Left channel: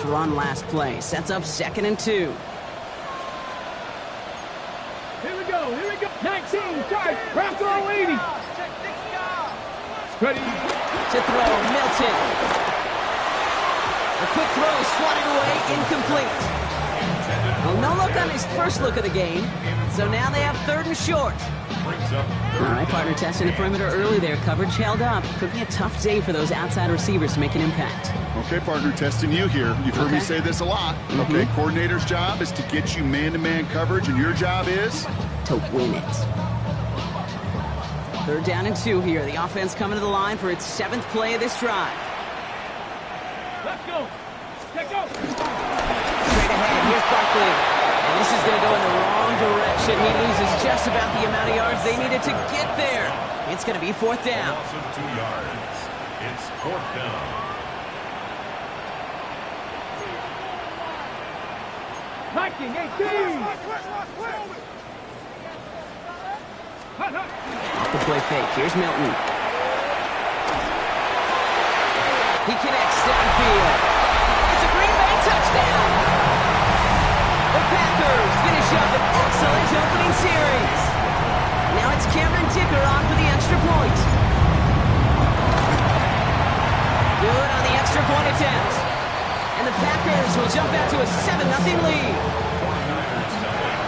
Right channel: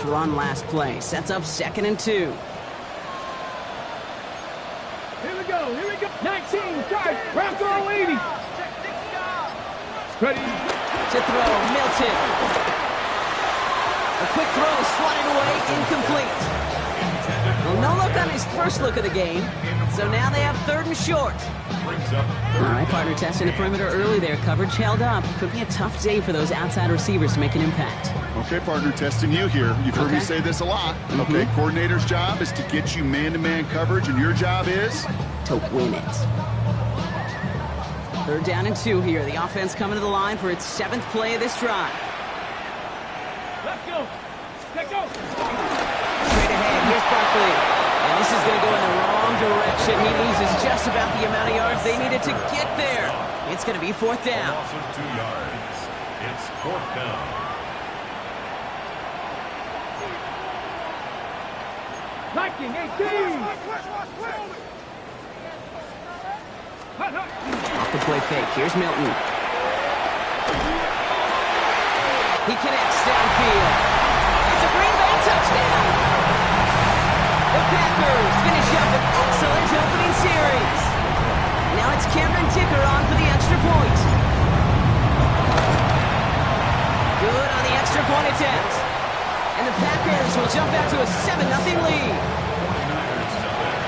this run last play. Sets up 2nd and 2. Here we go. 19, charge, round throw 80. Ready. To throw, Milton. A quick throw, swatted away, incomplete. Well, no look on his first look of the game, so now they have 3rd and short. All right, partner, testing the perimeter early there. Coverage held up. Could be a tough day for those outside receivers to make an impact. Okay, partner, testing you here. You've heard me say this a lot. Okay, coordinator's job is to get you man-to-man coverage, and your job is? To win it. 3rd down and 2 here. The offense coming to the line for its 7th play of this drive. Let's go. Let's go. Straight ahead, here's Barkley. And this is going to go in the wrong direction. He loses just about the amount of yards they needed to get there. It's going to be 4th down. Loss of 2 yards. It's 4th down. Viking 18. Off the play fake. Here's Milton. He connects downfield. It's a Green Bay touchdown. The Packers finish up an excellent opening series. Now it's Cameron Dicker on for the extra point. Good on the extra point attempt. And the Packers will jump out to a 7-0 lead. 49ers nothing.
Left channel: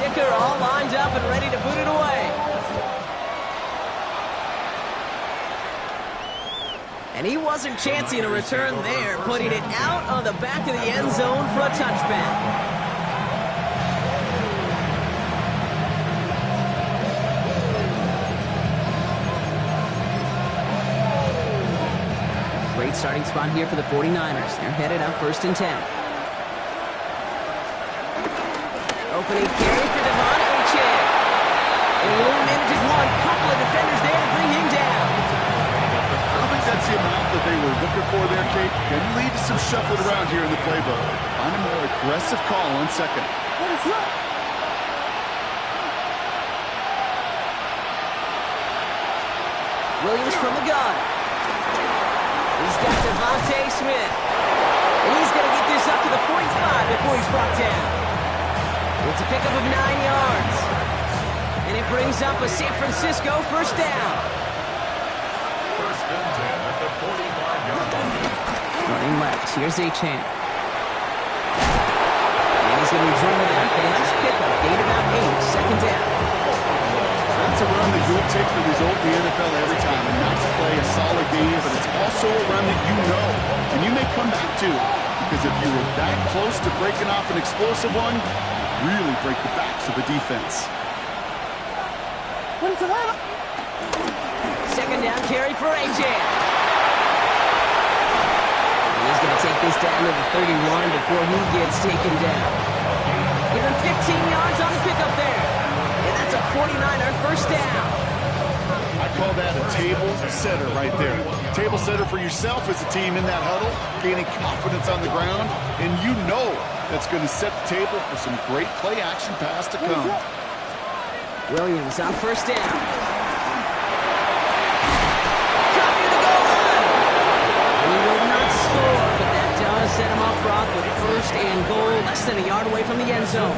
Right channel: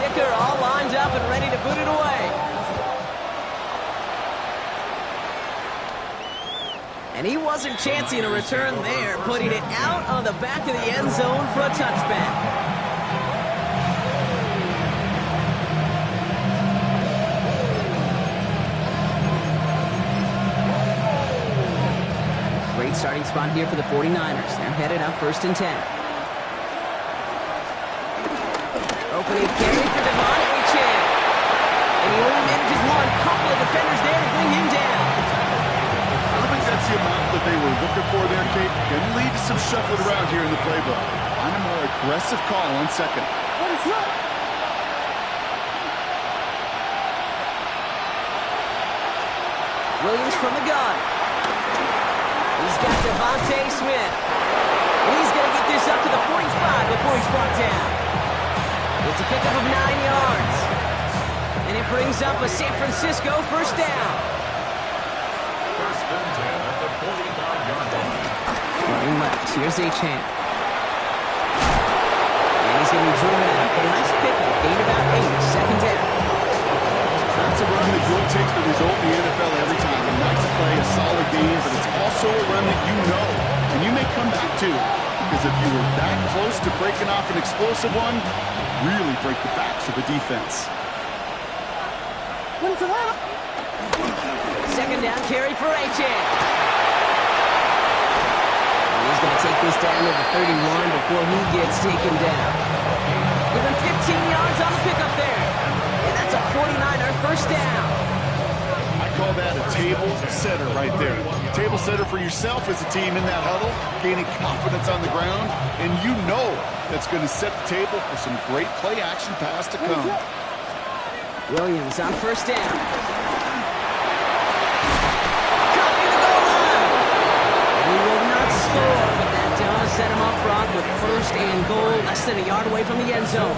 Dicker all lined up and ready to boot it away. And he wasn't chancing a return there, putting it out on the back of the end zone for a touchback. Great starting spot here for the 49ers. They're headed up 1st and 10. Opening carry for Devon Achane. And he only manages one. Couple of defenders there to bring him down. I don't think that's the amount that they were looking for there, Kate. Can lead to some shuffling around here in the playbook. Find a more aggressive call on 2nd. Williams from the gun. He's got Devontae Smith. And he's going to get this up to the 45 before he's brought down. It's a pickup of 9 yards. And it brings up a San Francisco 1st down. 1st and 10 at the 45-yard line. Running left. Here's Achane. And he's going to be driven out. But a nice pickup. Gained about 8. 2nd down. That's a run that you'll take the result in the NFL every time. A nice play, a solid game, but it's also a run that you know, and you may come back to, because if you were that close to breaking off an explosive one, you really break the backs of the defense. 2nd down carry for Achane. And he's going to take this down to the 31 before he gets taken down. Give him 15 yards on the pickup there. And that's a 49er 1st down. I call that a table setter right there. Table setter for yourself as a team in that huddle, gaining confidence on the ground, and you know that's going to set the table for some great play action pass to come. Williams on 1st down. Cut near the goal line. He will not score, but that does set him up, Brock, with 1st and goal, less than a yard away from the end zone.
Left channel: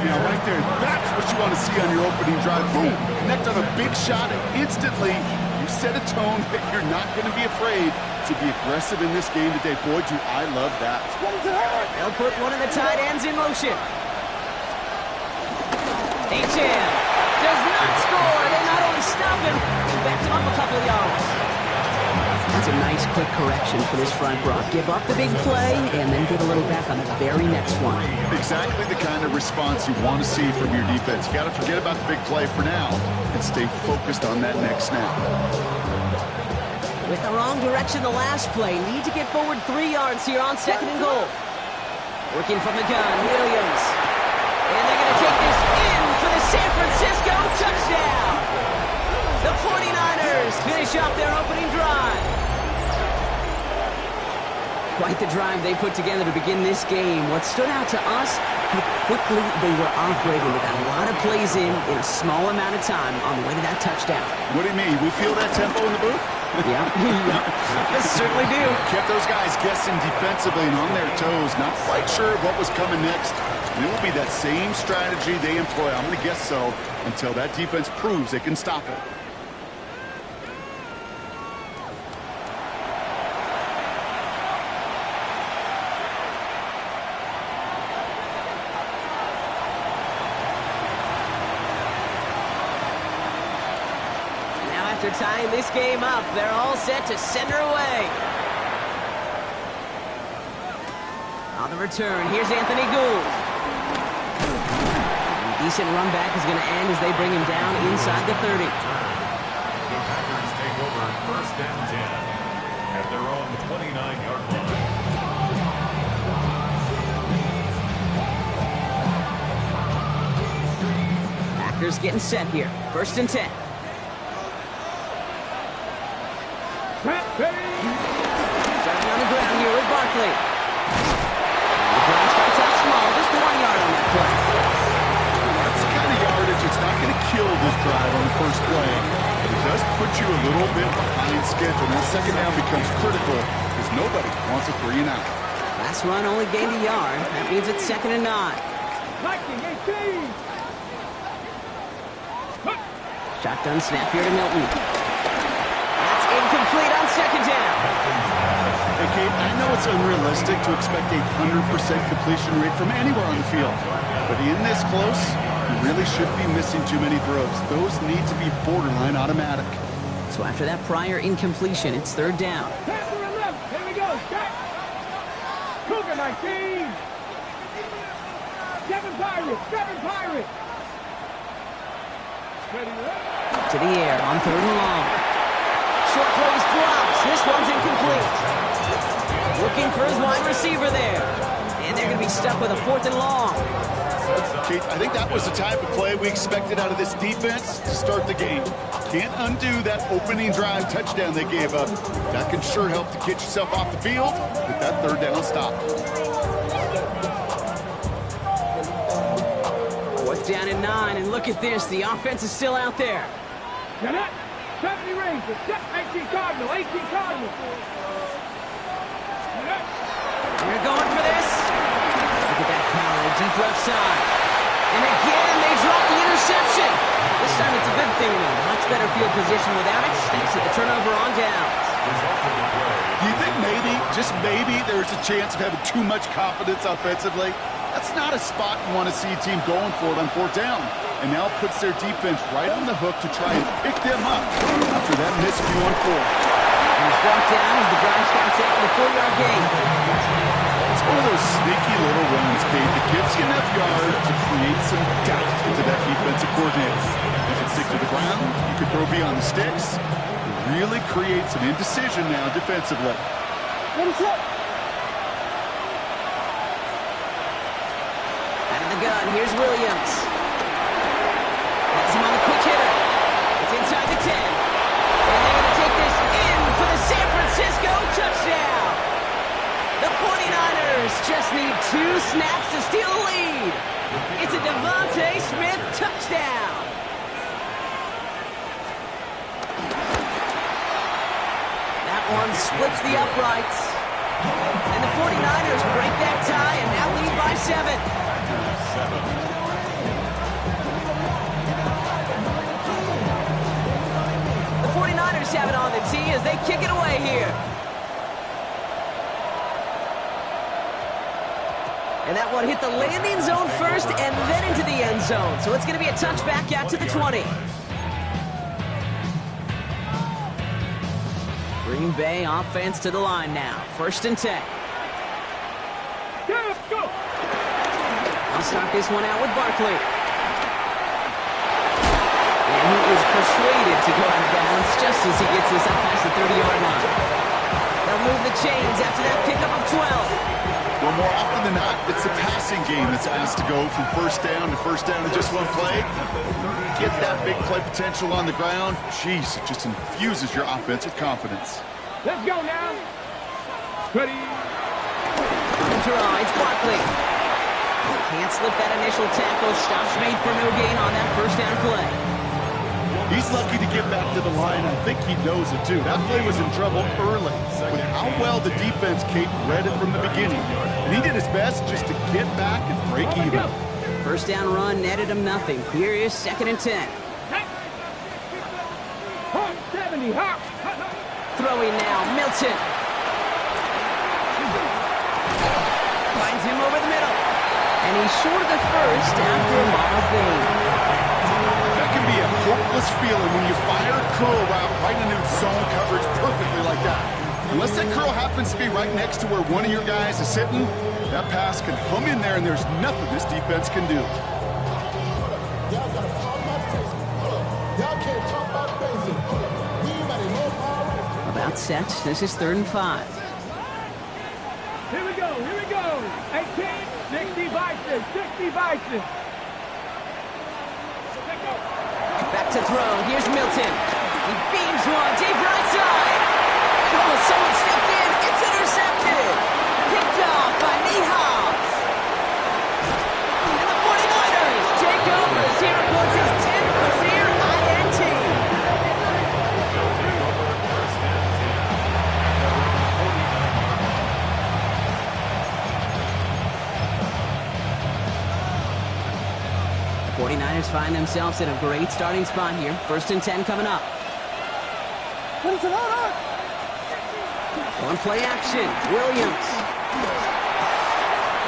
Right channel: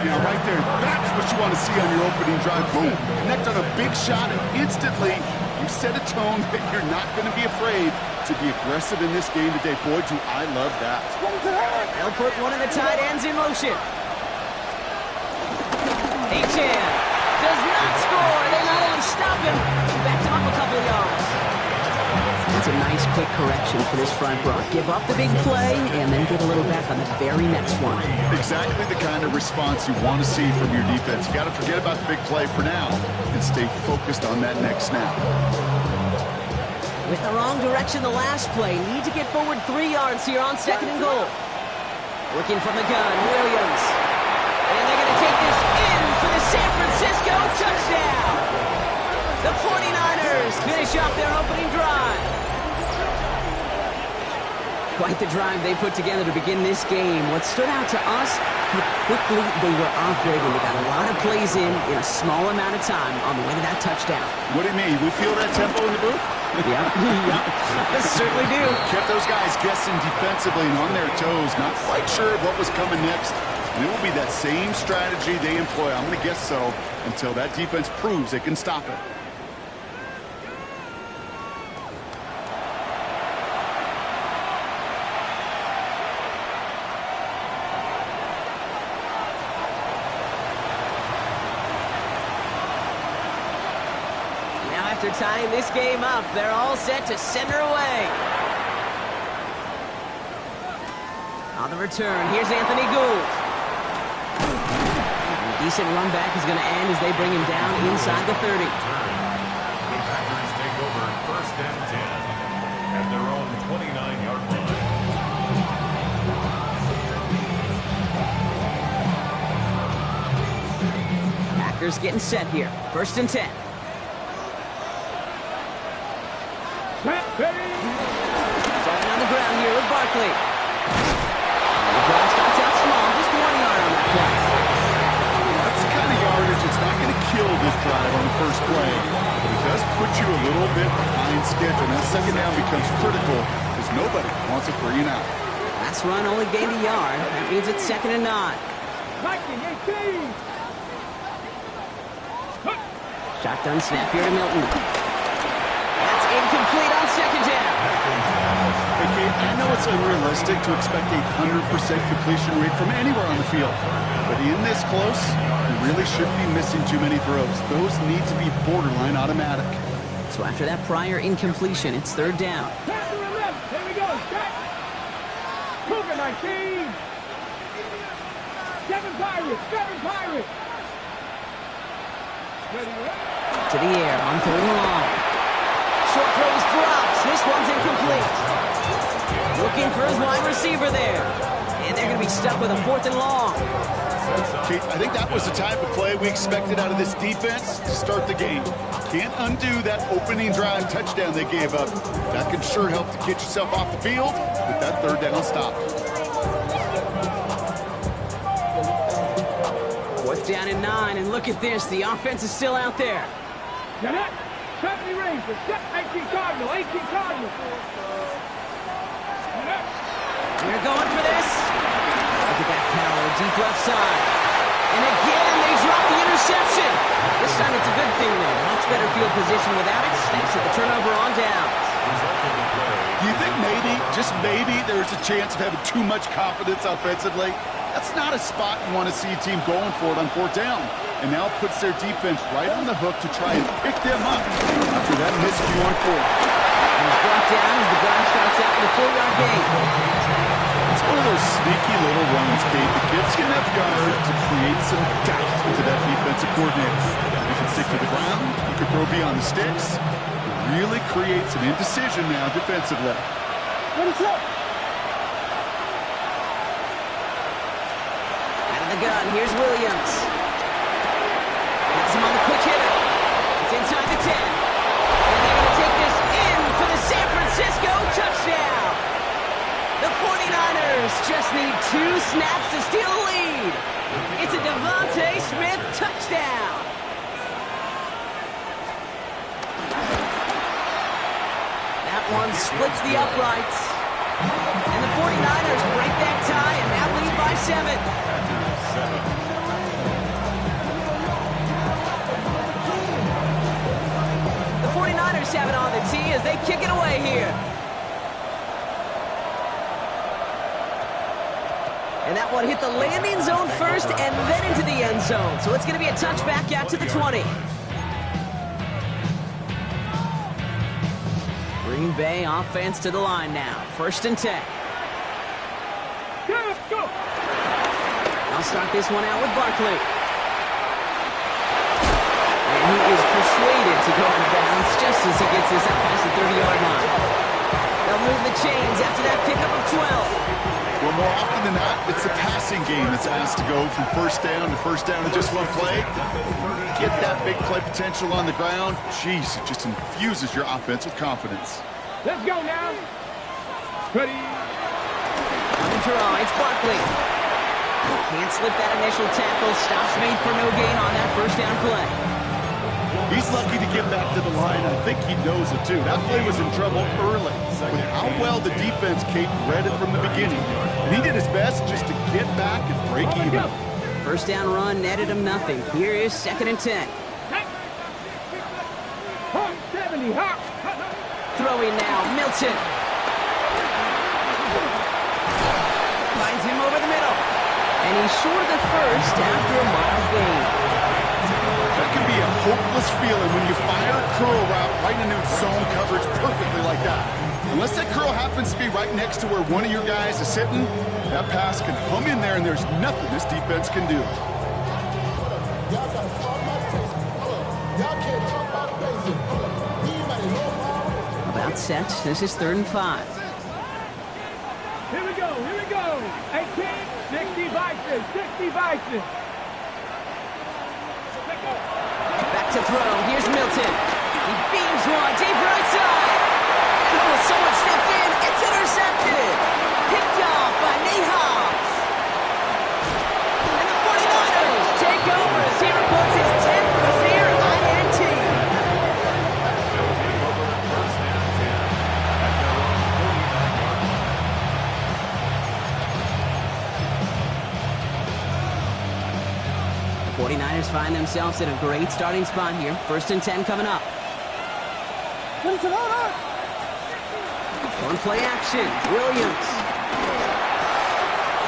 Now, right there, that's what you want to see on your opening drive. Boom, connect on a big shot, and instantly you set a tone that you're not going to be afraid to be aggressive in this game today. Boy, do I love that. They'll put one of the tight ends in motion. Achane does not score. They not only stop him, backed him up a couple of yards. That's a nice quick correction for this front, Brock. Give up the big play and then get a little back on the very next one. Exactly the kind of response you want to see from your defense. You got to forget about the big play for now and stay focused on that next snap. With the wrong direction the last play, need to get forward 3 yards here on 2nd and goal. Working from the gun, Williams. And they're going to take this in for the San Francisco touchdown. The 49ers finish off their opening drive. Quite the drive they put together to begin this game. What stood out to us, how quickly they were operating. They got a lot of plays in a small amount of time on the way to that touchdown. What do you mean? We feel that tempo in the booth? Yeah, yeah, certainly do. Kept those guys guessing defensively and on their toes, not quite sure what was coming next. And it will be that same strategy they employ, I'm going to guess so, until that defense proves they can stop it. After tying this game up, they're all set to send her away. On the return, here's Anthony Gould. And a decent run back is going to end as they bring him down inside the 30. The Packers take over 1st and 10 at their own 29-yard line. Packers getting set here. 1st and 10. Starting on the ground here with Barkley. The drive starts out small, just 1 yard on that play. That's the kind of yardage it's not going to kill this drive on the first play. But it does put you a little bit behind schedule. Now second down becomes critical because nobody wants a 3 and out. Last run only gained a yard. That means it's 2nd and 9. Shotgun snap here to Milton. Incomplete on 2nd down. Hey, Kate, I know it's unrealistic to expect a 100% completion rate from anywhere on the field. But in this close, you really shouldn't be missing too many throws. Those need to be borderline automatic. So after that prior incompletion, it's 3rd down. Here we go. Cougar 19. 7 Pirates. 7 Pirates. To the air on 3rd and long. Short throws drops. This one's incomplete. Looking for his wide receiver there. And they're going to be stuck with a 4th and long. Kate, I think that was the type of play we expected out of this defense to start the game. Can't undo that opening drive touchdown they gave up. That can sure help to get yourself off the field with that 3rd down stop. 4th down and 9. And look at this. The offense is still out there. Get it. 70 Rangers, 18 Cardinal, 18 Cardinal. They're going for this. Look at that power, deep left side. And again, they drop the interception. This time it's a good thing, though. Much better field position without it, thanks to the turnover on downs. Do you think maybe, just maybe, there's a chance of having too much confidence offensively? That's not a spot you want to see a team going for it on 4th down. And now puts their defense right on the hook to try and pick them up after that miscue on 4. And he's brought down as the drive starts out with a 4-yard gain. It's one of those sneaky little runs, Kate, that gives you enough yards to create some doubt into that defensive coordinator. You can stick to the ground, you can throw beyond the sticks. It really creates an indecision now defensively. What is up? Out of the gun, here's Williams. Has him on the quick hitter. It's inside the 10. And they're going to take this in for the San Francisco touchdown. The 49ers just need 2 snaps to steal the lead. It's a Devontae Smith touchdown. That one splits the uprights. And the 49ers break that tie and now lead by 7. The 49ers have it on the tee as they kick it away here. And that one hit the landing zone first and then into the end zone. So it's going to be a touchback out to the 20. Green Bay offense to the line now. 1st and 10. I'll start this one out with Barkley. And he is persuaded to go out of bounds just as he gets this up past the 30-yard line. They'll move the chains after that pickup of 12. Well, more often than not, it's the passing game that's asked to go from 1st down to 1st down in just one play. Get that big play potential on the ground. Jeez, it just infuses your offense with confidence. Let's go now. Ready. On the draw, it's Barkley. Can't slip that initial tackle. Stops made for no gain on that first down play. He's lucky to get back to the line. I think he knows it, too. That play was in trouble early with how well the defense, Kate, read it from the beginning. And he did his best just to get back and break even. First down run netted him nothing. Here is 2nd and 10. Hawk 70, Hawk. Throwing now, Milton. Finds him over the middle. And he's short of the first after a mild gain. That can be a hopeless feeling when you fire a curl route right into zone coverage perfectly like that. Unless that curl happens to be right next to where one of your guys is sitting, that pass can hum in there and there's nothing this defense can do. Y'all got to talk about taste. Y'all can't talk about basic. Anybody know power? About set. This is 3rd and 5. Here we go, here we go. 18, 60 Vikings, 60 Vikings. Back to throw. Here's Milton. He beams one. Deep right side. And someone stepped in. It's intercepted. Picked off by Nate Hobbs. And the 49ers take over as he reports his 10th career INT. They'll take over first and 10 at their own 49-yard line. The 49ers find themselves in a great starting spot here. 1st and 10 coming up. On play action, Williams.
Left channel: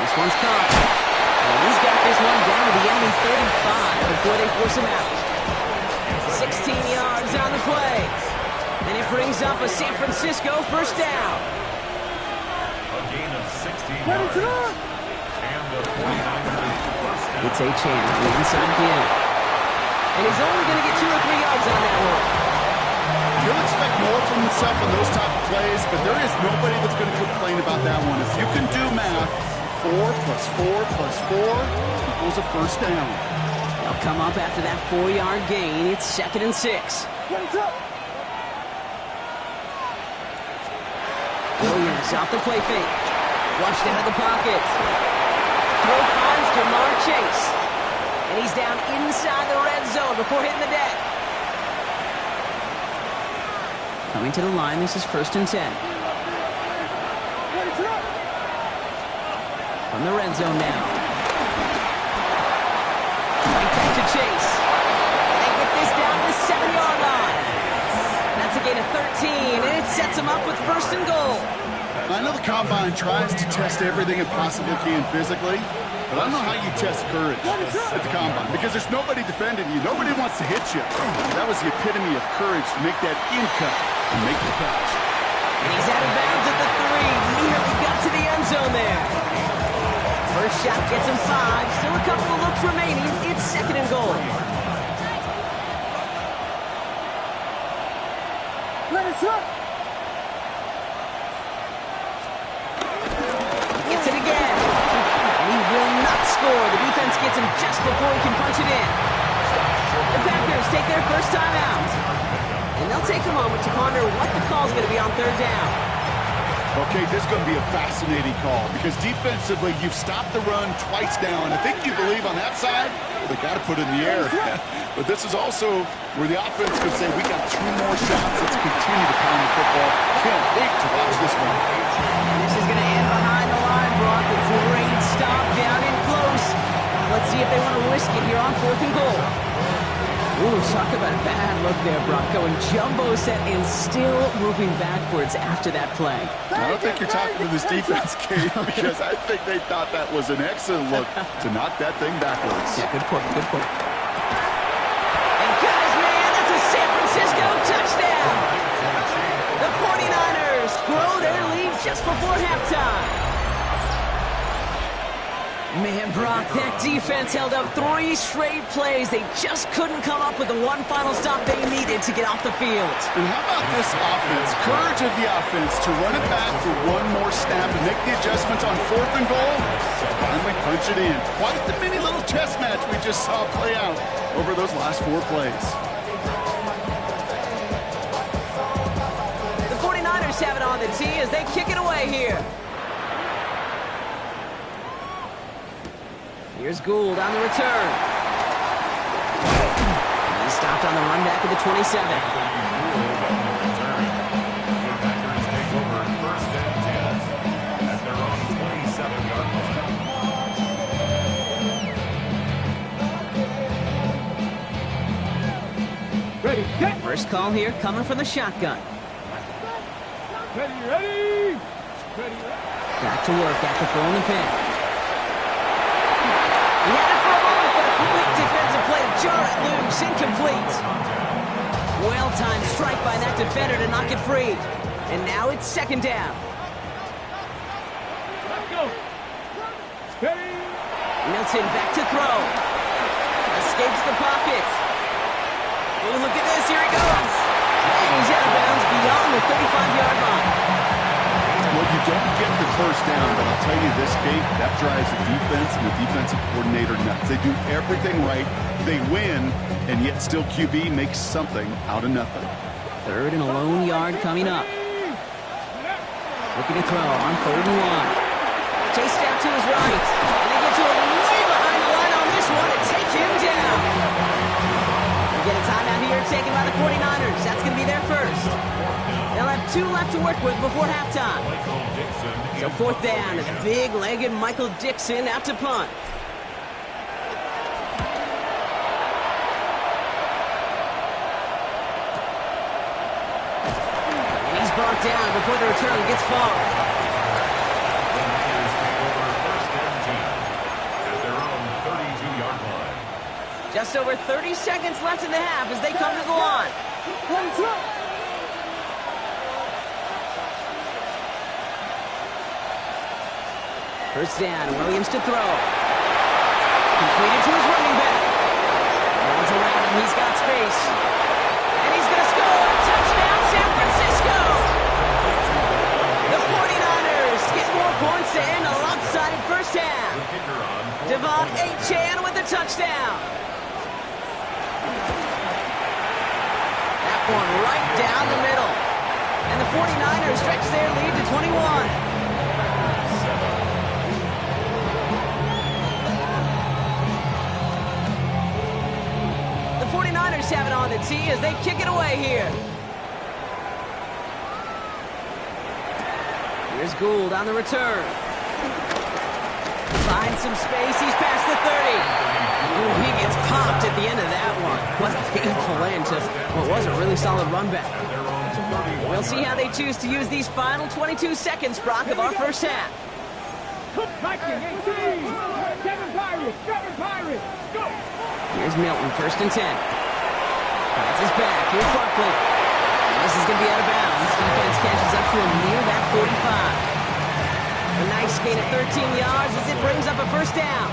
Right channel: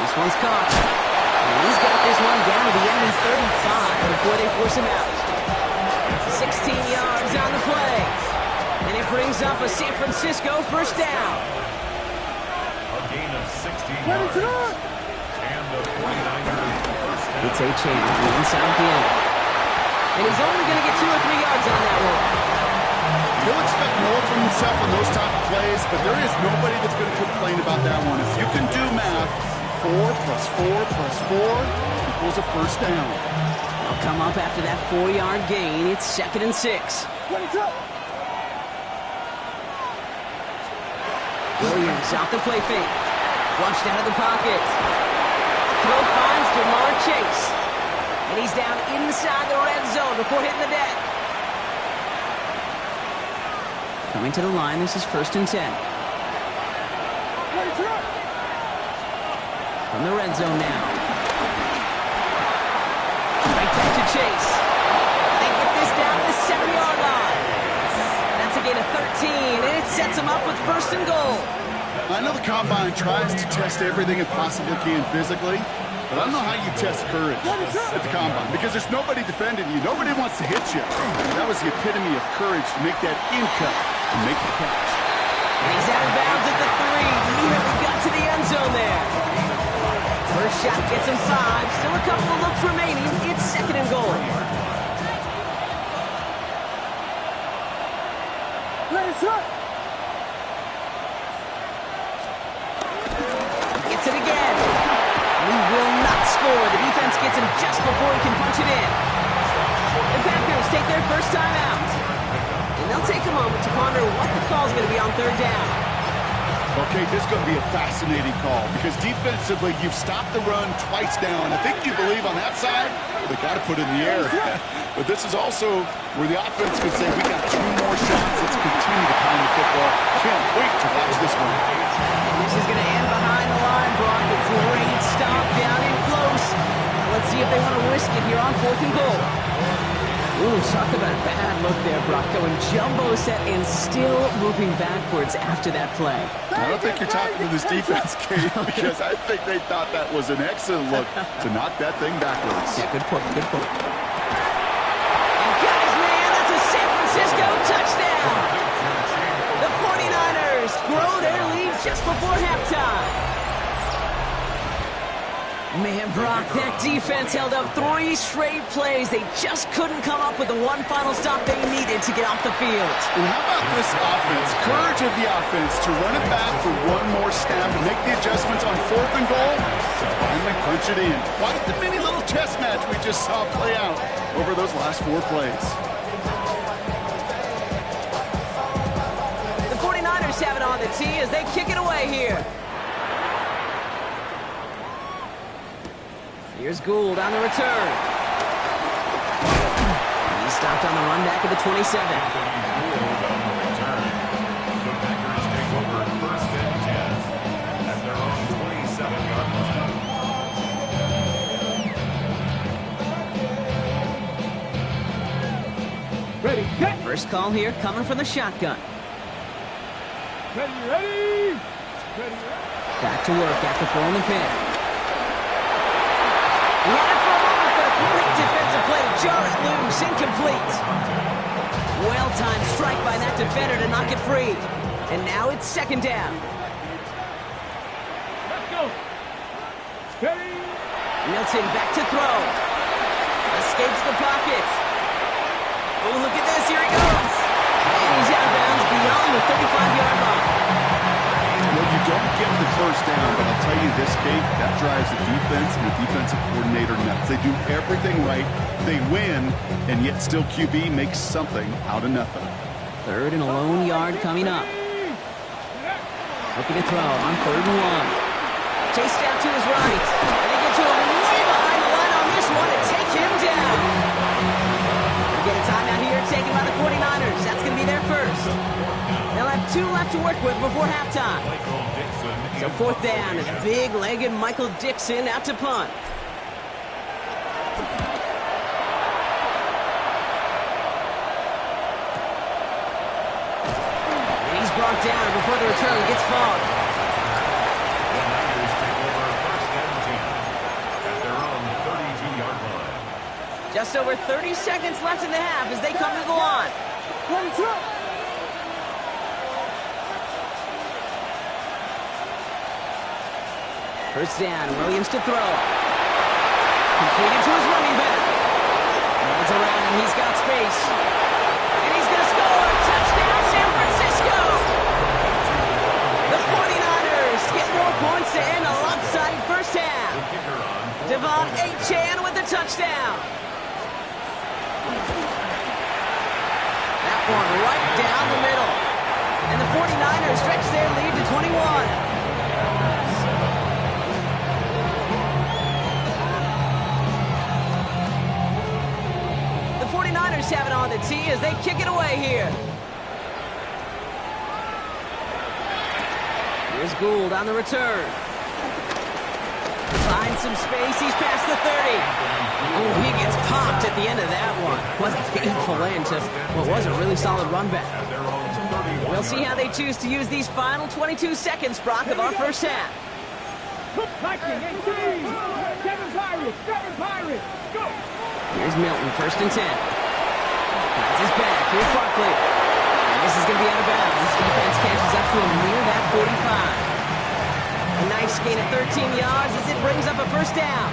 This one's caught. And he's got this one down to the enemy 35 before they force him out. 16 yards on the play. And it brings up a San Francisco first down. A gain of 16 yards. And the 49ers first down. It's Achane on the inside game. And he's only going to get 2 or 3 yards on that one. He'll expect more from himself on those type of plays, but there is nobody that's going to complain about that one. If you can do math, 4 plus 4 plus 4 equals a first down. They'll come up after that 4-yard gain. It's 2nd and 6. Williams off the play fake. Flushed out of the pocket. Throw finds Jamar Chase. And he's down inside the red zone before hitting the deck. Coming to the line, this is 1st and 10. From the red zone now. Right back to Chase. And they get this down to the 7-yard line. That's a gain of 13, and it sets them up with 1st and goal. I know the Combine tries to test everything it possibly can physically, but I don't know how you test courage at the Combine, because there's nobody defending you. Nobody wants to hit you. That was the epitome of courage to make that in cut and make the catch. And he's out of bounds at the 3. Nearly got to the end zone there. First shot gets him 5. Still a couple of looks remaining. It's 2nd and goal. Gets it again. And he will not score. The defense gets him just before he can punch it in. The Packers take their first time out. And they'll take a moment to ponder what the call is going to be on 3rd down. Okay, this is going to be a fascinating call because defensively, you've stopped the run twice now, and I think you believe on that side, they got to put it in the air. But this is also where the offense could say, we got 2 more shots. Let's continue to pound the football. Can't wait to watch this one. And this is going to end behind the line, Brock. A great stop down in close. Let's see if they want to risk it here on 4th and goal. Ooh, talk about a bad look there, Brock. Going jumbo set and still moving backwards after that play. I don't think you're talking to this defense, Kate, because I think they thought that was an excellent look to knock that thing backwards. Yeah, good point, good point. And guys, man, that's a San Francisco touchdown! The 49ers grow their lead just before halftime. Man, Brock, that defense held up 3 straight plays. They just couldn't come up with the one final stop they needed to get off the field. And how about this offense? Courage of the offense to run it back for one more snap and make the adjustments on 4th and goal to finally punch it in. Quite the mini little chess match we just saw play out over those last 4 plays. The 49ers 49ers have it on the tee as they kick it away here. Here's Gould on the return. He's stopped on the run back at the 27. Anthony Gould on the return. The Packers take over first and 10 at their own 27-yard line. Ready, set. First call here coming from the shotgun. Ready, ready. Ready, ready. Back to work after throwing the pick. He had it for a moment, but a great defensive play to jar it loose. Incomplete. Well-timed strike by that defender to knock it free. And now it's second down. Let's go. Ready. Milton back to throw. Escapes the pocket. Oh, look at this. Here he goes. And he's out of bounds beyond the 35-yard line. Well, you don't get the first down, but I'll tell you this, Kate, that drives the defense and the defensive coordinator nuts. They do everything right. They win, and yet still QB makes something out of nothing. Third and a lone yard coming up. Looking to throw on 3rd and 1. Chased out to his right. And they get to him way behind the line on this one and take him down. We get a timeout here taken by the 49ers. That's going to be their first. They'll have 2 left to work with before halftime. Michael Dixon. So 4th down is big-legged Michael Dixon out to punt. And he's brought down before the return gets far. The Niners take over first and 10 at their own 32-yard line. Just over 30 seconds left in the half as they come to the line. First down, Williams to throw. Completed to his running back. No one's around him, he's got space. And he's going to score! Touchdown, San Francisco! The 49ers get more points to end a lopsided first half. The kicker on Devon Achane with the touchdown. That one right down the middle. And the 49ers stretch their lead to 21. The 49ers have it on the tee as they kick it away here. Here's Gould on the return. Finds some space. He's past the 30. Oh, he gets popped at the end of that one. What a painful end to what was a really solid run back. at their own 31-yard We'll see how they choose to use these final 22 seconds, Brock, of our first half. Viking 18. 7 Pirates. 7 Pirates. Go. Here's Milton, 1st and 10. Finds his back. Here's Barkley. And this is going to be out of bounds. Defense catches up to him near that 45. A nice gain of 13 yards as it brings up a first down.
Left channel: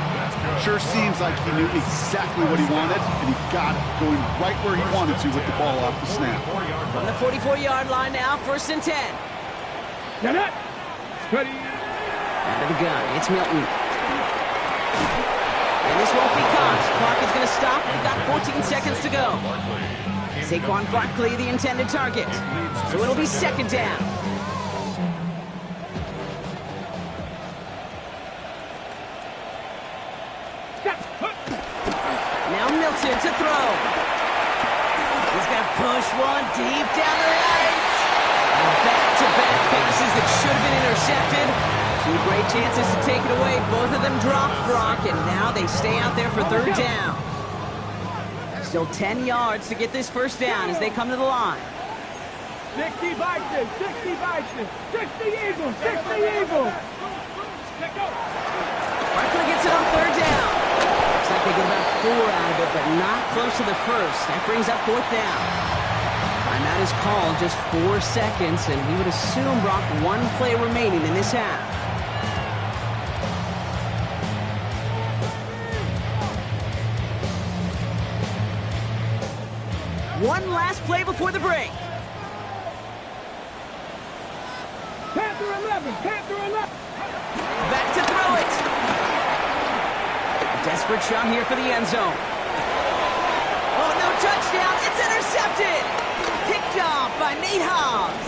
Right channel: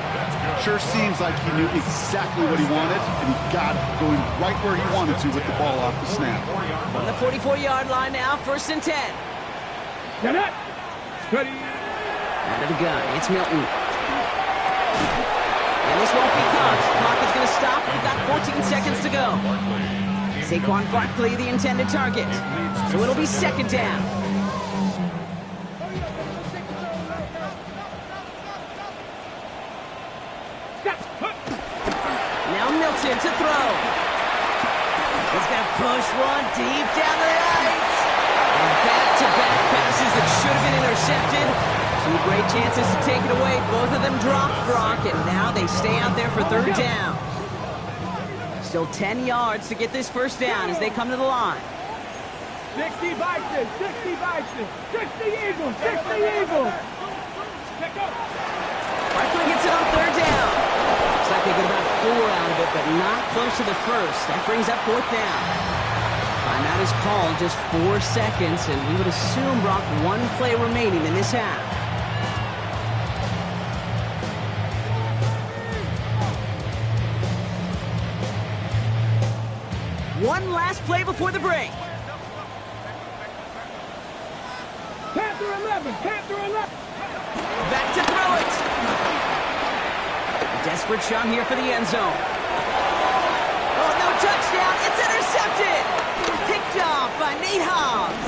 Sure seems like he knew exactly what he wanted, and he got it, going right where he wanted to with the ball off the snap. From the 44-yard line now, 1st and 10. Get it. Ready. Out of the gun, it's Milton. And this won't be caught. Clock is going to stop. We've got 14 seconds to go. Saquon Barkley, the intended target. So it'll be 2nd down. Now Milton to throw. He's going to push one deep down the right. And back-to-back passes that should have been intercepted. 2 great chances to take it away. Both of them dropped, Brock, and now they stay out there for 3rd down. Still 10 yards to get this first down as they come to the line. 60 Vikings. 60 Vikings. 60 Eagles. 60 Eagles. Let go. Barkley gets it on 3rd down. Looks like they get about 4 out of it, but not close to the first. That brings up 4th down. Timeout is called, just 4 seconds, and we would assume, Brock, 1 play remaining in this half. One last play before the break. Panther 11. Panther 11. Back to throw it. A desperate shot here for the end zone. Oh, no touchdown. It's intercepted. Picked off by Nate Hobbs.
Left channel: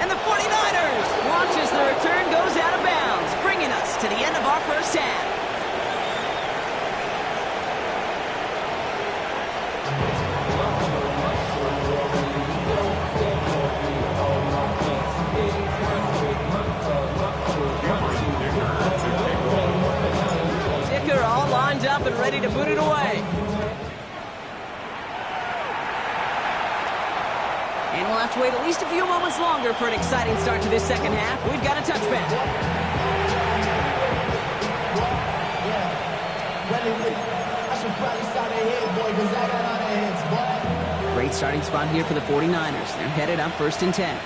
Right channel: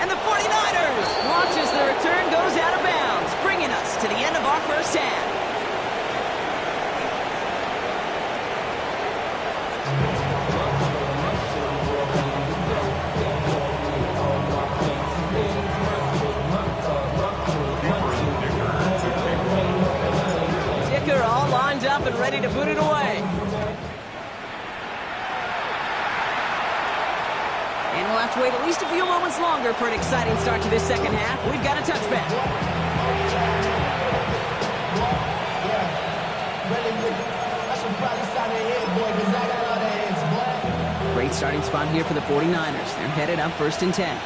And the 49ers watch as the return goes out of bounds, bringing us to the end of our first half. Dicker all lined up and ready to boot it away. And we'll have to wait at least a few moments longer for an exciting start to this second half. We've got a touchback. I should probably start ahead, boy, because I got all the heads, boy. Great starting spot here for the 49ers. They're headed up 1st and 10.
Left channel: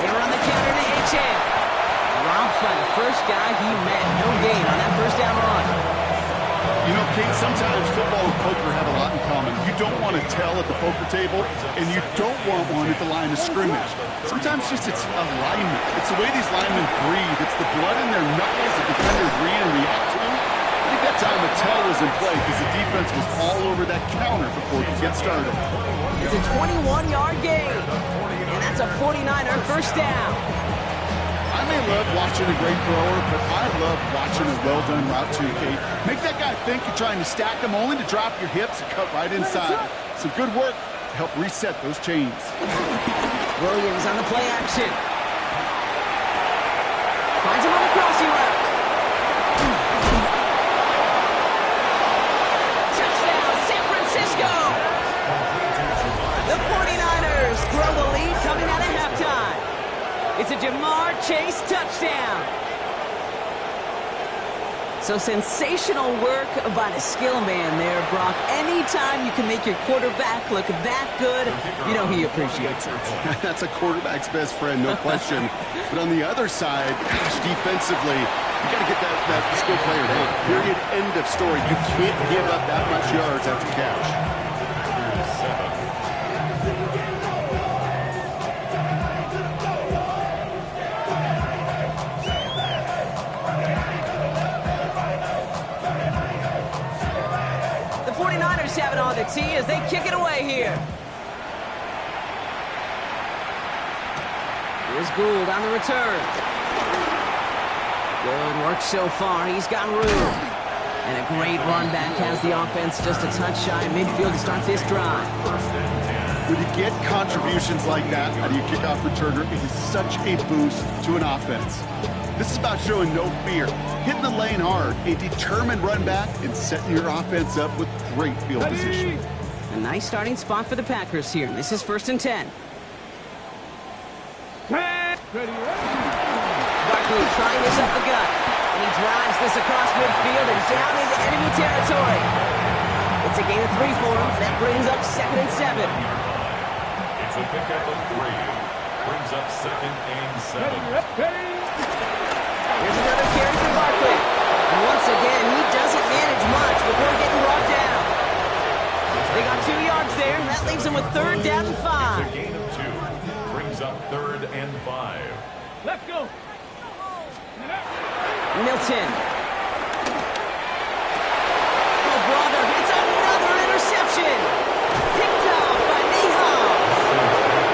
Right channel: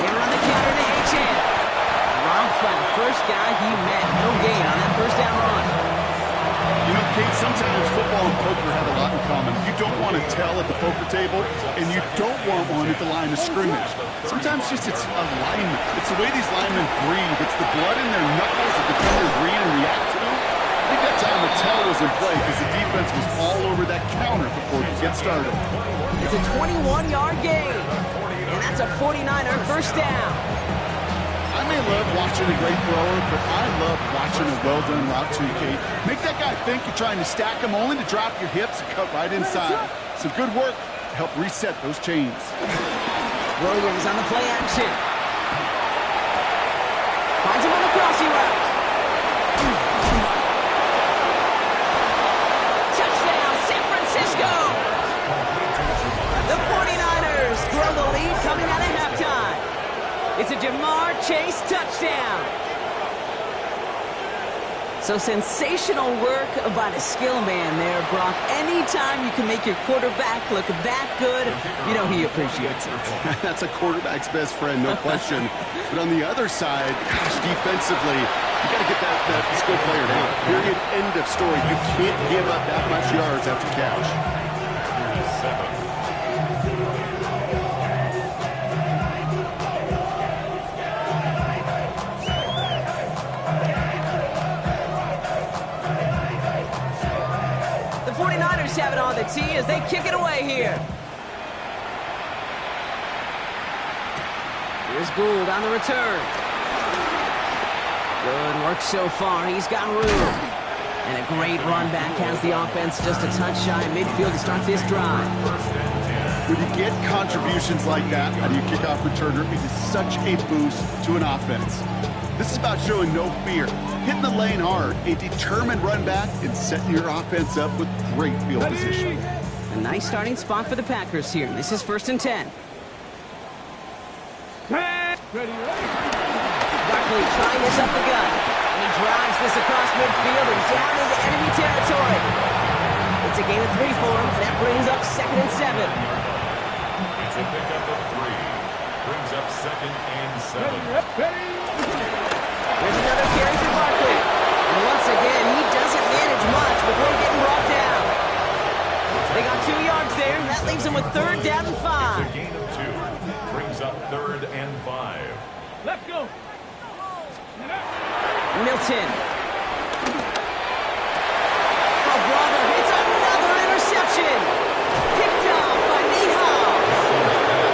They run the counter to Achane. Dropped by the first guy he met. No gain on that first down run. You know, Kate, sometimes football and poker have a lot in common. You don't want to tell at the poker table, and you don't want one at the line of scrimmage. Sometimes just it's alignment. It's the way these linemen breathe. It's the blood in their knuckles that defenders read and react to. I think that time a tell was in play because the defense was all over that counter before it could get started. It's a 21-yard gain, and that's a 49er first down. I may love watching a great thrower, but I love watching a well-done route too, Kate. Make that guy think you're trying to stack him only to drop your hips and cut right inside. Some good work to help reset those chains. Williams on the play action. Finds him on the crossing route. Touchdown, San Francisco! The 49ers grow the lead coming out of halftime. It's a Jamar Chase touchdown. So sensational work by the skill man there, Brock. Anytime you can make your quarterback look that good, you know he appreciates it. That's a quarterback's best friend, no question. But on the other side, gosh, defensively, you got to get that skill player down. Period. End of story. You can't give up that much yards after catch. Here's 7. The 49ers have it on the tee as they kick it away here. Here's Gould on the return. Good work so far. He's got room. And a great run back has the offense just a touch shy of midfield to start this drive. When you get contributions like that out of your kickoff returner, it is such a boost to an offense. This is about showing no fear, hitting the lane hard, a determined run back, and setting your offense up with great field position. A nice starting spot for the Packers here. This is 1st and 10. Ready. Barkley trying this up the gut. And he drives this across midfield and down into enemy territory. It's a gain of 3 for him. That brings up 2nd and 7. It's a pickup of 3. Brings up 2nd and 7. Ready. Here's another carry for Barkley. And once again, he doesn't manage much before getting brought down. They got 2 yards there, and that leaves them with 3rd down and 5. It's a gain of 2. Brings up 3rd and 5. Let's go. Milton. Oh, brother, it's another interception. Picked off by Nate Hobbs.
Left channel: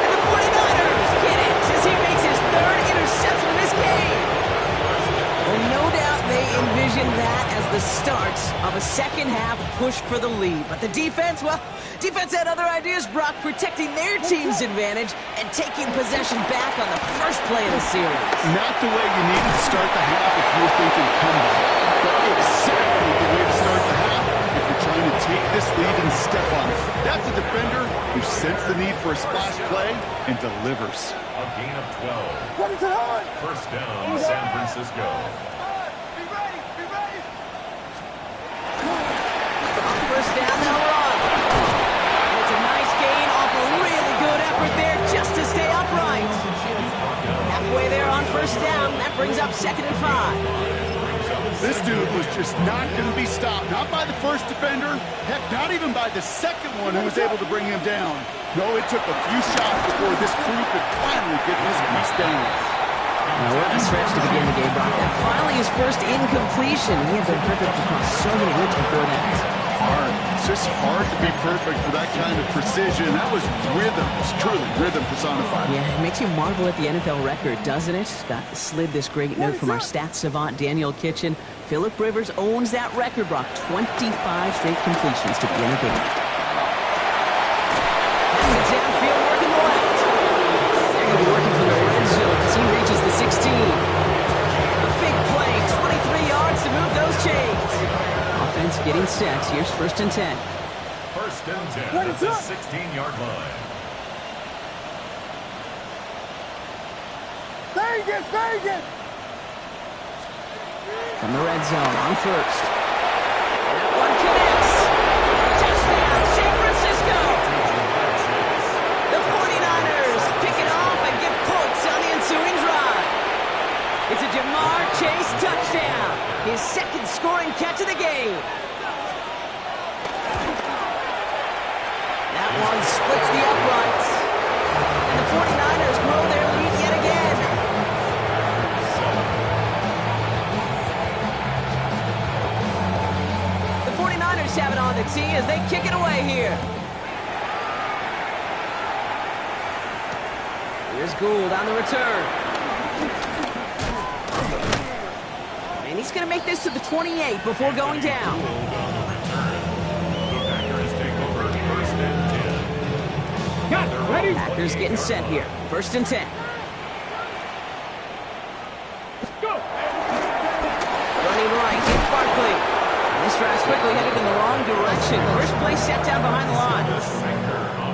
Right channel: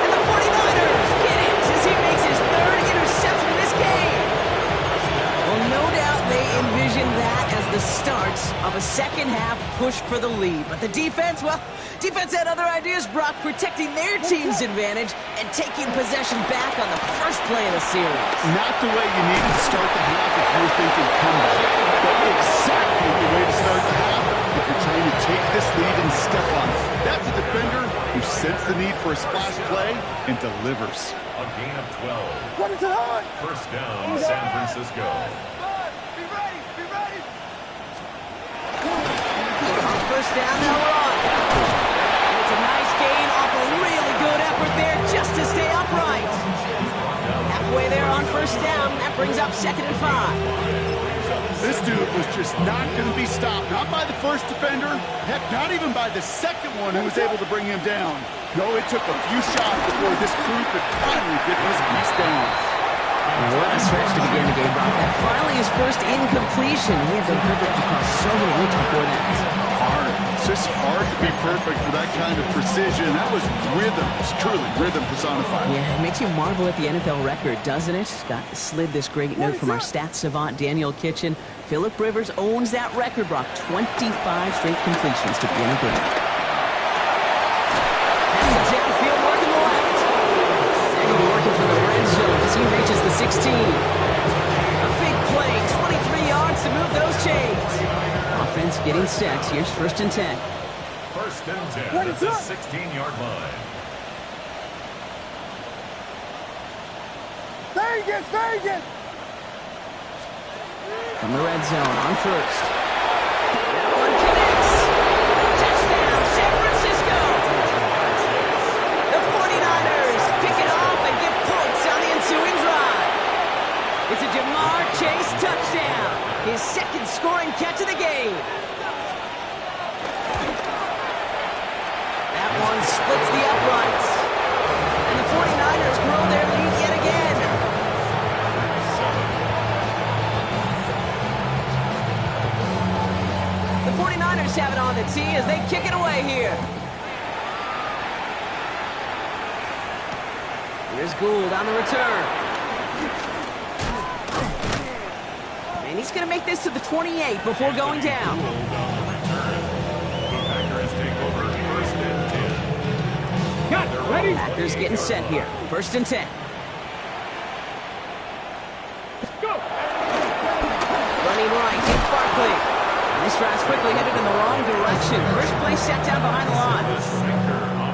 And the 49ers get it as he makes his 3rd interception in this game. Well, no doubt they envisioned that as the start of a second half push for the lead. But the defense, well, defense had other ideas, Brock, protecting their team's advantage and taking possession back on the first play of the series. Not the way you needed to start the half if you were thinking comeback, but exactly the way to start the half if you're trying to take this lead and step on it. That's a defender who sensed the need for a splash play and delivers. A gain of 12. First down, San Francisco. Be ready. On first down, they'll run. And it's a nice gain off a really good effort there just to stay upright. Halfway there on first down, that brings up 2nd and 5. This dude was just not going to be stopped. Not by the first defender. Heck, not even by the second one who was able to bring him down. No, it took a few shots before this crew could finally get this piece down. Now, what a stretch to begin the game, Brock. That finally his first incompletion. He had been perfect across so many looks before that. Hard, It's just hard to be perfect with that kind of precision. That was rhythm. It's truly rhythm personified. Yeah, it makes you marvel at the NFL record, doesn't it? Got slid this great note from our stats savant, Daniel Kitchen. Phillip Rivers owns that record, Brock. 25 straight completions to begin a game. Has it downfield, working the left. They're going to be working from the red zone as he reaches the 16. A big play, 23 yards to move those chains. Offense getting set. Here's 1st and 10. 1st and 10 at the 16-yard line. Vegas! From the red zone on 1st. That one connects. Touchdown, San Francisco. The 49ers pick it off and get points on the ensuing drive. It's a Jamar Chase touchdown. His 2nd scoring catch of the game. That one splits the uprights. And the 49ers grow their lead yet again. The 49ers have it on the tee as they kick it away here. Here's Gould on the return. And he's going to make this to the 28 before going down. Gould on the return. The Packers take over 1st and 10. Got ready. Packers getting set here. 1st and 10. Go. Running right, it's Barkley. And this drive's quickly headed in the wrong direction. First play set down behind the line.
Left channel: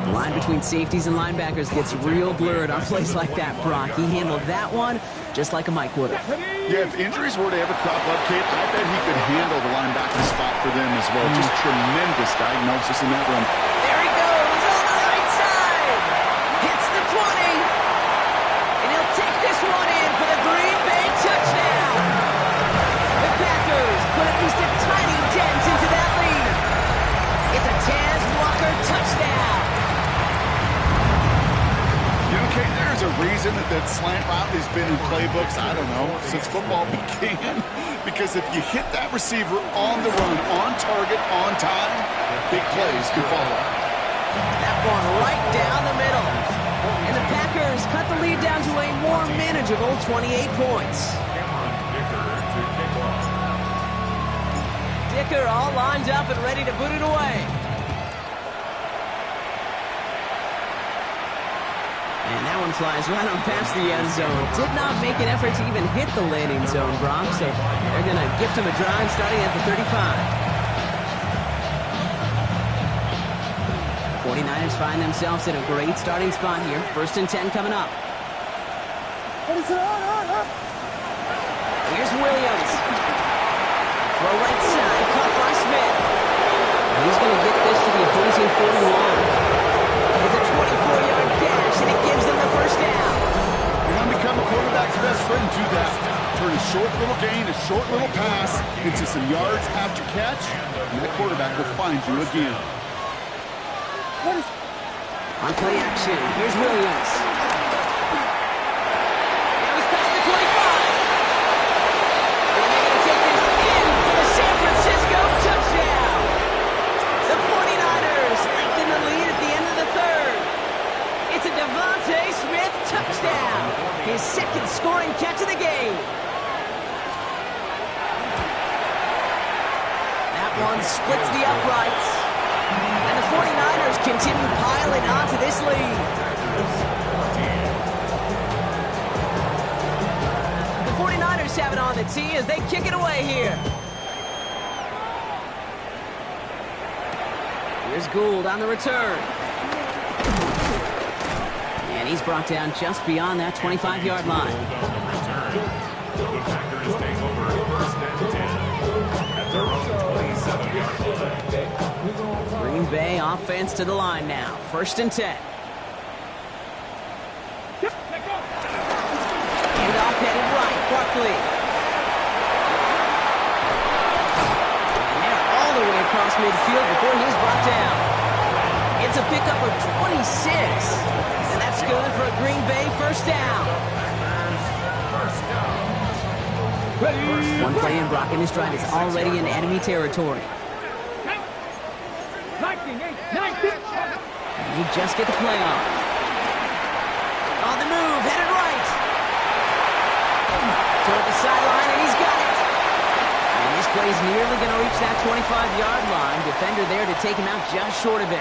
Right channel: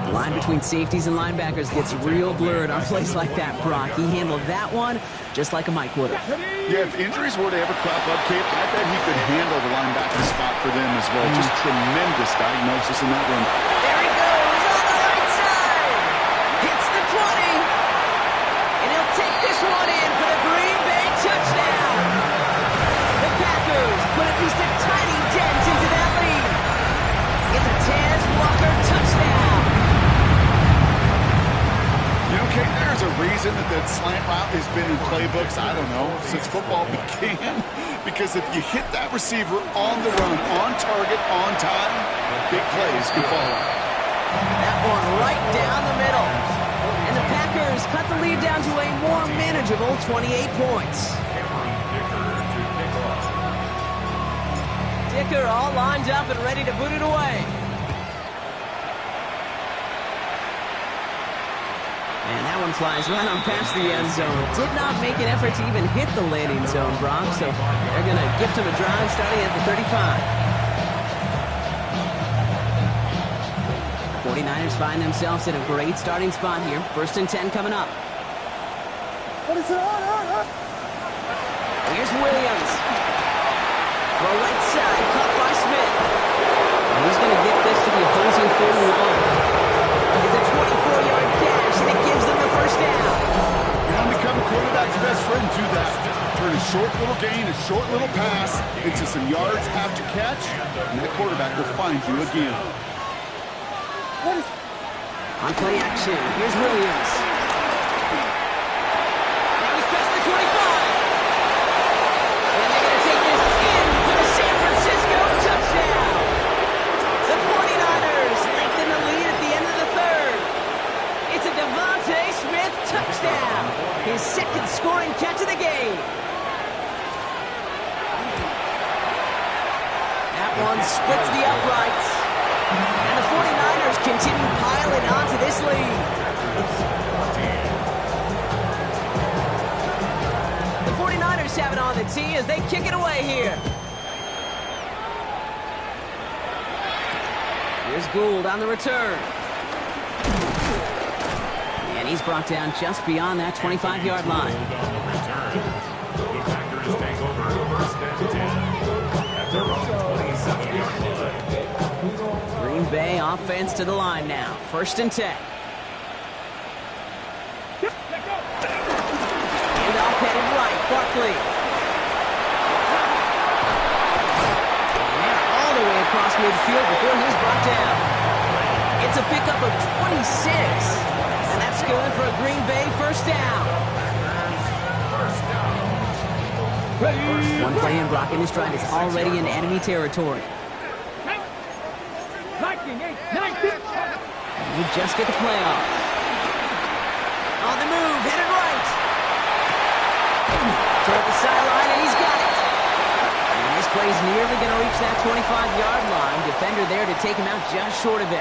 The line between safeties and linebackers gets real blurred on plays like that, Brock. He handled that one just like a Mike would have. Yeah, if injuries were to ever crop up, Kate, I bet he could handle the linebacker spot for them as well. Just tremendous diagnosis in that run. There he goes on the right side. Hits the 20. And he'll take this one in for the Green Bay touchdown. The Packers put at least a tiny dent into that lead. It's a Taz Walker touchdown. You know, Kate, there's a reason that slant route has been in playbooks, I don't know, since football began. Because if you hit that receiver on the run, on target, on time, big plays can follow. That one right down the middle. And the Packers cut the lead down to a more manageable 28 points. Cameron Dicker to kick off. Dicker all lined up and ready to boot it away. And that one flies right on past the end zone. Did not make an effort to even hit the landing zone, Brock, so they're going to gift him a drive starting at the 35. The 49ers find themselves in a great starting spot here. 1st and 10 coming up. Here's Williams. Throw right side, caught by Smith. And he's going to get this to the opposing 41. It's a 24-yard dash, and it gives them the 1st down. You want to become a quarterback's best friend, do that. Turn a short little gain, a short little pass into some yards after catch, and that quarterback will find you again. On play action, here's Williams. Now he's past the 25. And they're going to take this in for the San Francisco touchdown. The 49ers lengthen the lead at the end of the 3rd. It's a Devontae Smith touchdown. His 2nd scoring catch of the game. That one splits the uprights. And the 49ers continue piling onto this lead. The 49ers have it on the tee as they kick it away here. Here's Gould on the return. And he's brought down just beyond that 25-yard line. Gould on the return. The Packers take over 1st and 10 at their own 27-yard line. Green Bay offense to the line now. 1st and 10. And off headed right, Barkley. And they're all the way across midfield before he's brought down. It's a pickup of 26. And that's good for a Green Bay 1st down. One play in, Brock, and this drive is already in enemy territory. And you just get the play off. On the move, headed right. Toward the sideline, and he's got it. And this play's nearly going to reach that 25-yard line. Defender there to take him out just short of it.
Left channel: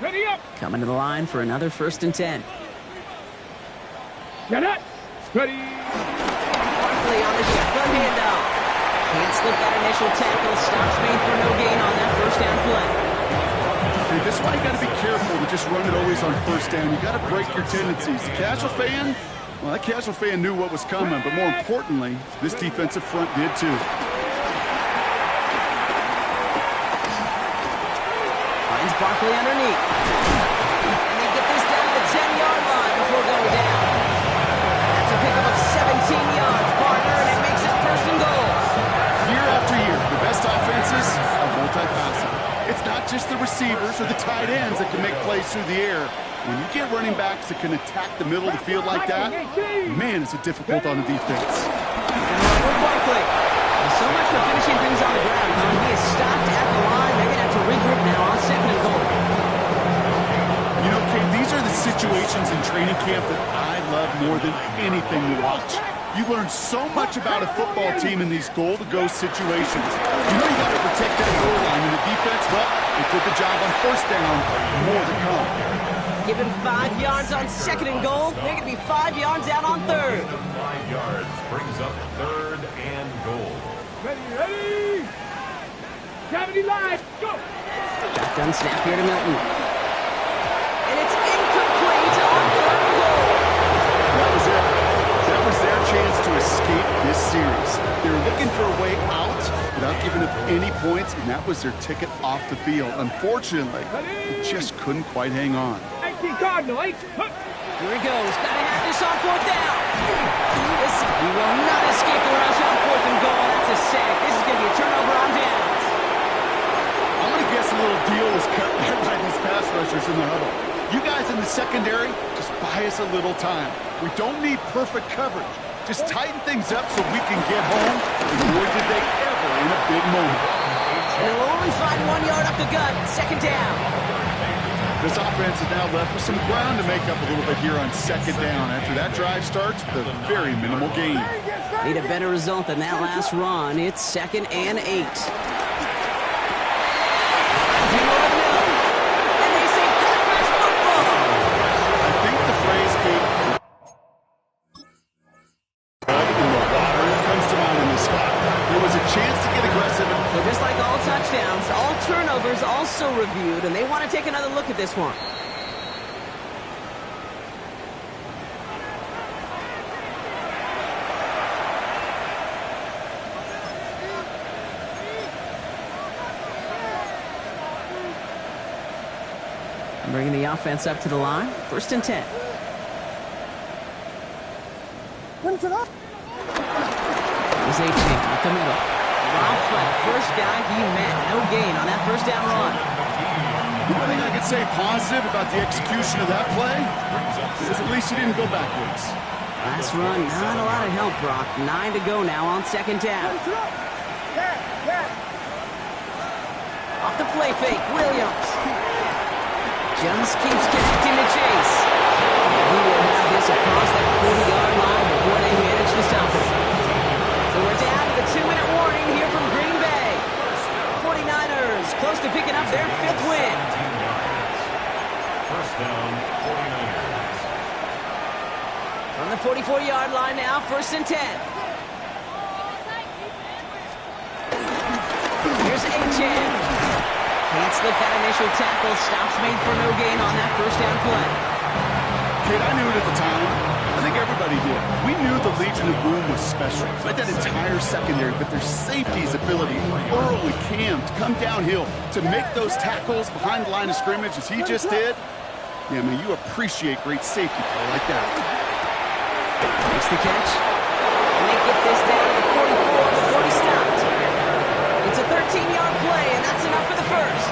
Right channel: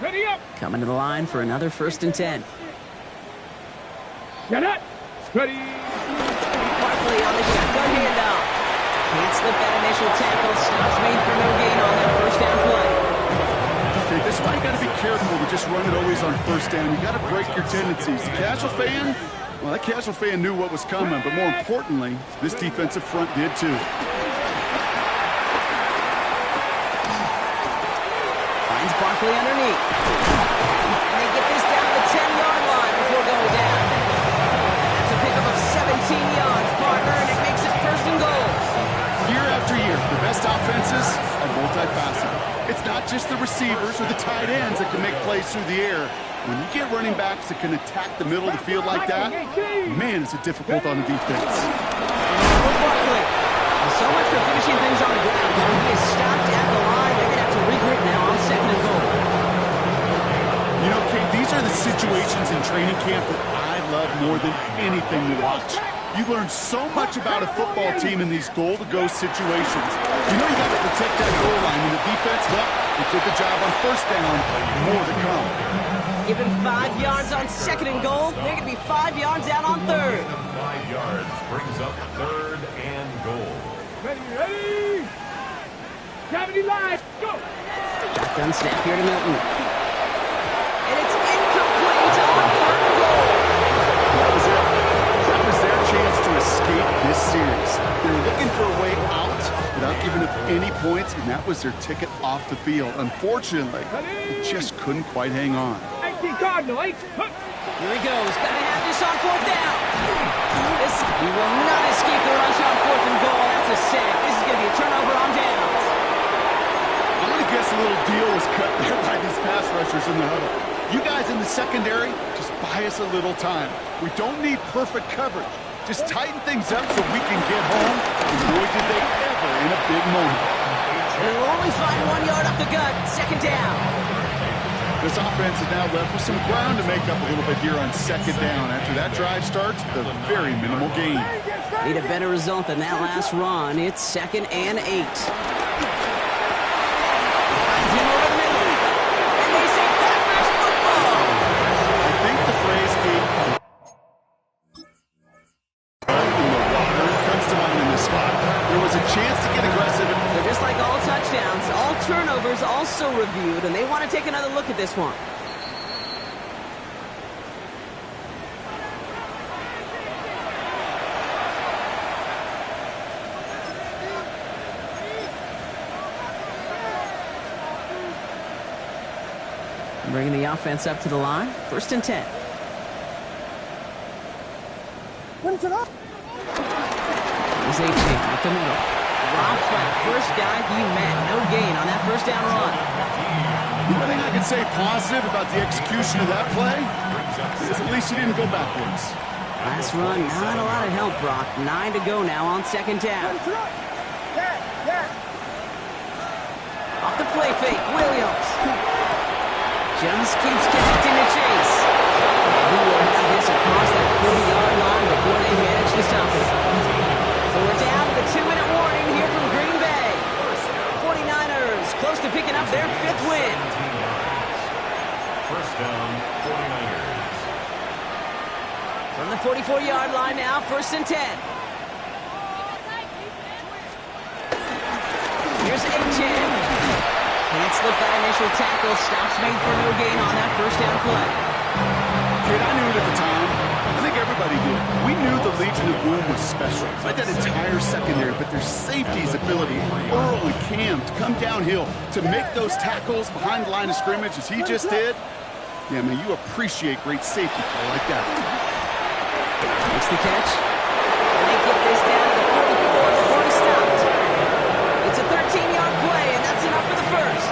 Ready up. Coming to the line for another 1st and 10. Get it. Ready. Barkley on the shotgun handoff. Can't slip that initial tackle. Stops made for no gain on that 1st down play. Okay, this is why you got to be careful to just run it always on 1st down. You got to break your tendencies. The casual fan, well, that casual fan knew what was coming, but more importantly, this defensive front did too. Finds Barkley underneath. And they get this down to the 10-yard line before going down. That's a pickup of 17 yards, partner, and it makes it 1st and goal. Year after year, the best offenses are multifaceted. It's not just the receivers or the tight ends that can make plays through the air. When you get running backs that can attack the middle of the field like that, man, is it difficult on the defense. And with Barkley. So much for finishing things on the ground. He is stopped at the line. They're going to have to regroup now on 2nd and goal. You know, Kate, these are the situations in training camp that I love more than anything to watch. You learn so much about a football team in these goal-to-go situations. You know you got to protect that goal line, and the defense, well, they took the job on 1st down. More to come. Given 5 yards on 2nd and goal. They're going to be 5 yards out on 3rd. 5 yards brings up 3rd and goal. Ready. Gravity line. Go. Shotgun snap here to Milton. And it's incomplete on 3rd and goal. That was it. That was their chance to escape this series. They were looking for a way out without giving up any points, and that was their ticket off the field. Unfortunately, they just couldn't quite hang on. 18 Cardinal, 8. Here he goes. Got to have this on 4th down. He will not escape the rush on 4th and goal. That's a sack. This is going to be a turnover on downs. I'm going to guess a little deal was cut there by these pass rushers in the huddle. You guys in the secondary, just buy us a little time. We don't need perfect coverage. Just tighten things up so we can get home. And boy, did they ever in a big moment. And they'll only find 1 yard up the gut. 2nd down. This offense is now left with some ground to make up a little bit here on 2nd down. After that drive starts, the very minimal gain. Need a better result than that last run. It's 2nd and 8. Finds him over the middle. And they say Packers football. I think the phrase, Kate, blood in the water comes to mind in this spot. There was a chance to get aggressive. So just like all touchdowns, all turnovers also reviewed, and they want to take another look at this one. Bringing the offense up to the line. 1st and 10. Here's Achane up the middle. Drops by the first guy he met. No gain on that 1st down run. The only thing I can say positive about the execution of that play is at least he didn't go backwards. Last run, not a lot of help, Brock. 9 to go now on 2nd down. Off the play fake, Williams. Just keeps connecting to Chase. And he will have this across that 40-yard line before they manage to stop him. So we're down to the 2-minute warning here from Green Bay. 49ers close to picking up their 5th win. 1st down, 49ers. From the 44-yard line now, 1st and 10. Here's Achane. Can't slip that initial tackle. Stops made for no gain on that 1st down play. Kid, I knew it at the time. I think everybody did. We knew the Legion of Boom was special. Like that entire secondary, but their safety's ability, Earl and Cam, to come downhill, to make those tackles behind the line of scrimmage as he just did. Yeah, man, you appreciate great safety play like that. Makes the catch. And they get this down to the 44 before he stopped. It's a 13-yard play, and that's enough for the first.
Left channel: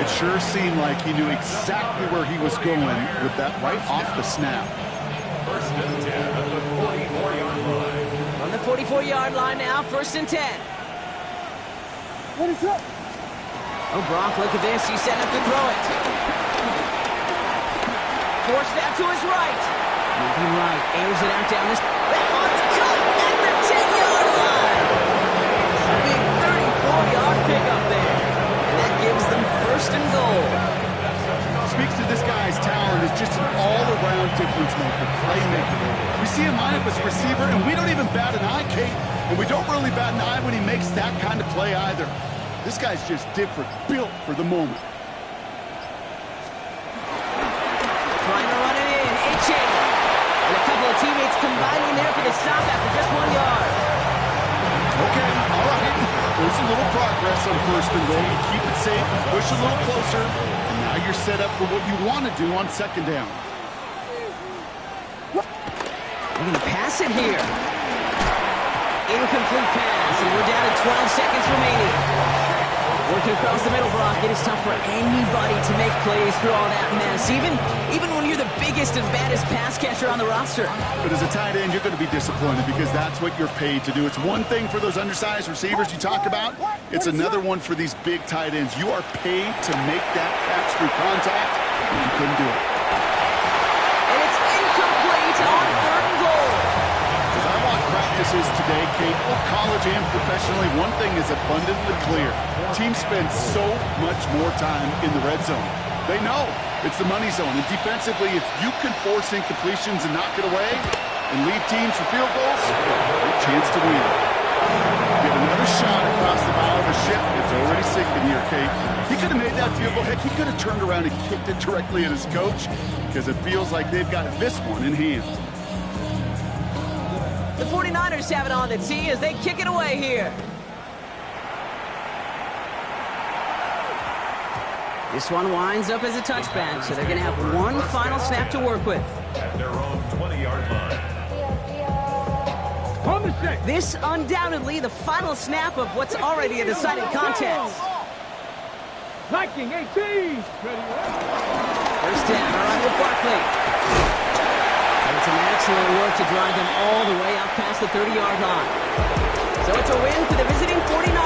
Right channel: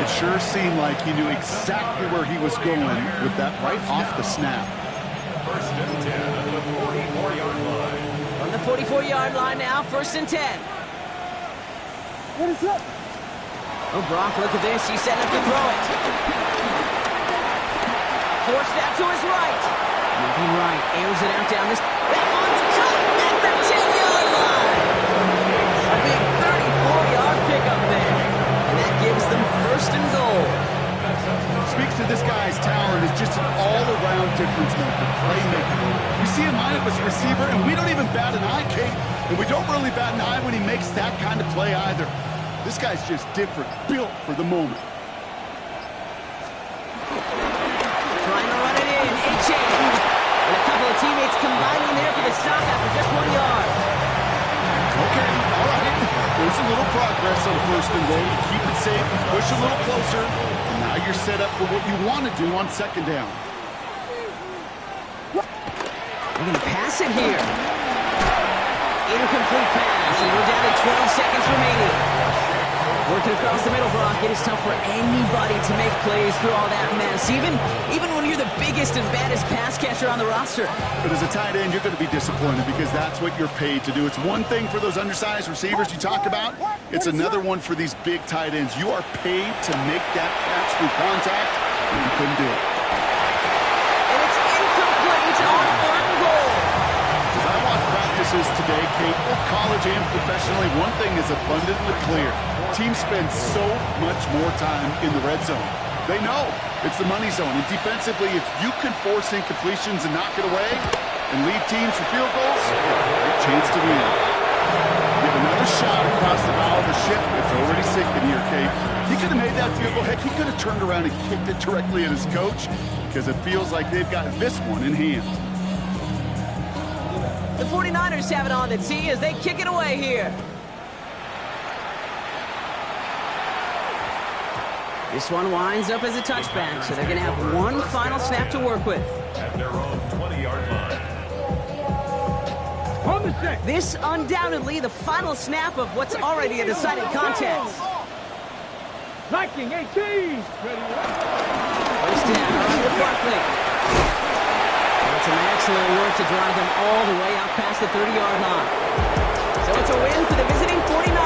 It sure seemed like he knew exactly where he was going with that right off the snap. First and 10 at the 44-yard line. On the 44-yard line now, first and 10. What is up? Oh, Brock, look at this. He's setting up to throw it. Forced out to his right. Moving right, airs it out down this. That one's caught at the 10-yard line. A big 34-yard pickup there. And that gives them first and goal. Speaks to this guy's talent as just an all-around difference maker, playmaker. We see him line up as a receiver, and we don't even bat an eye, Kate. And we don't really bat an eye when he makes that kind of play either. This guy's just different, built for the moment. Trying to run it in, A-Chain. And a couple of teammates combining there for the stop after just 1 yard. Okay, all right. There's a little progress on first and goal. You keep it safe, push a little closer, and now you're set up for what you want to do on second down. We're going to pass it here. Incomplete pass, and we're down to 12 seconds remaining. Working across the middle, Brock. It is tough for anybody to make plays through all that mess, even when you're the biggest and baddest pass catcher on the roster. But as a tight end, you're going to be disappointed because that's what you're paid to do. It's one thing for those undersized receivers you talk about. It's another one for these big tight ends. You are paid to make that catch through contact, and you couldn't do it. And it's incomplete on third and goal. As I watch practices today, Kate, both college and professionally, one thing is abundantly clear. Teams spend so much more time in the red zone. They know it's the money zone. And defensively, if you can force incompletions and knock it away and lead teams for field goals, you have a great chance to win. Get another shot across the bow of a ship. It's already sinking here, Kate. He could have made that field goal. Heck, he could have turned around and kicked it directly at his coach because it feels like they've got this one in hand. The 49ers have it on the tee as they kick it away here. This one winds up as a touchback, so they're going to have one final snap to work with. At their own 20-yard line. On the set. This undoubtedly the final snap of what's already a decided contest. Liking 18. Ready, First down, all right, with Barkley. And some excellent work to drive them all the way out past the 30-yard line. So it's a win for the visiting 49ers.